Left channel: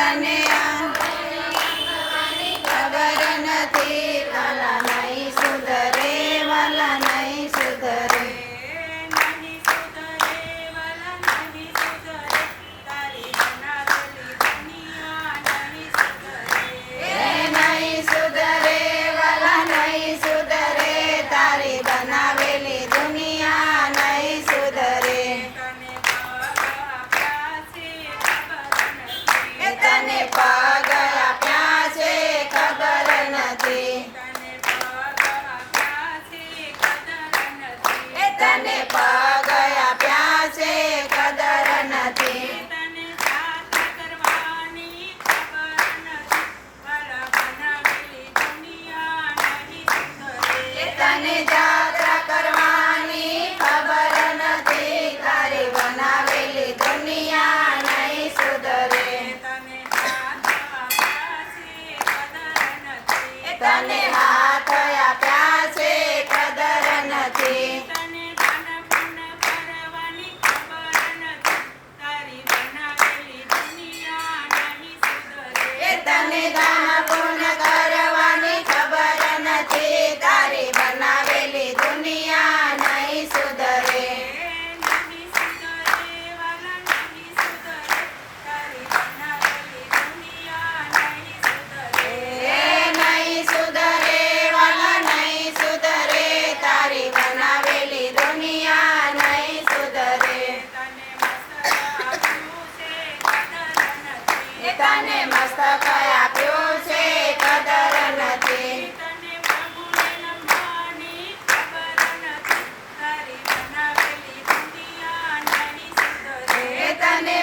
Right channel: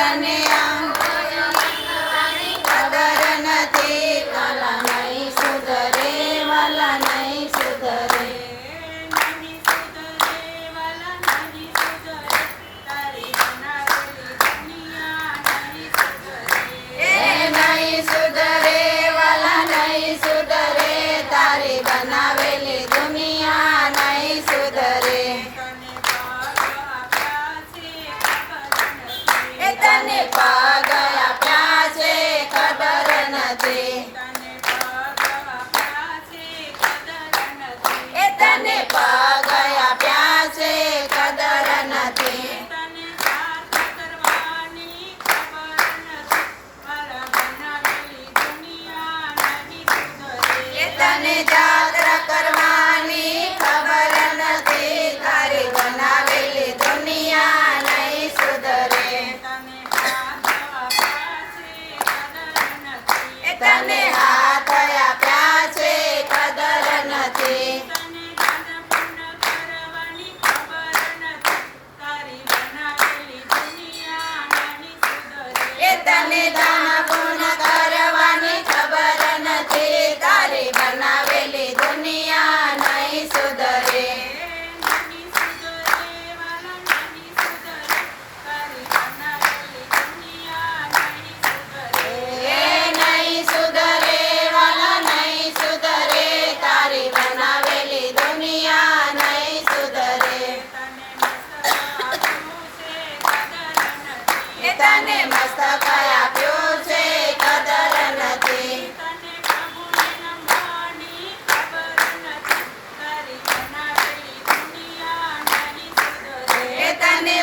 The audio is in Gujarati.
તને ખબર નથી વાલા નહીં સુધરે વાલા નહીં સુધરે નહીં સુધરે વાલા નહીં સુધરે તારી બનાવેલી દુનિયા નહીં સુધરે તને પગ આપ્યા છે ખબર નથી તને પગ આપ્યા છે કદર નથી તને જાત્રા કરવાની ખબર નથી તારી બનાવેલી દુનિયા નહીં સુધરે તને હાથ આપ્યા છે કદર નથી તને દાન પૂર્ણ કરવાની ખબર નથી તારી બનાવેલી દુનિયા નહીં સુધરે નહીં સુધરે વાલા નહીં સુધરે તારી બનાવેલી દુનિયા નહીં સુધરે તને મસ્તક આપ્યું છે કદર નથી તને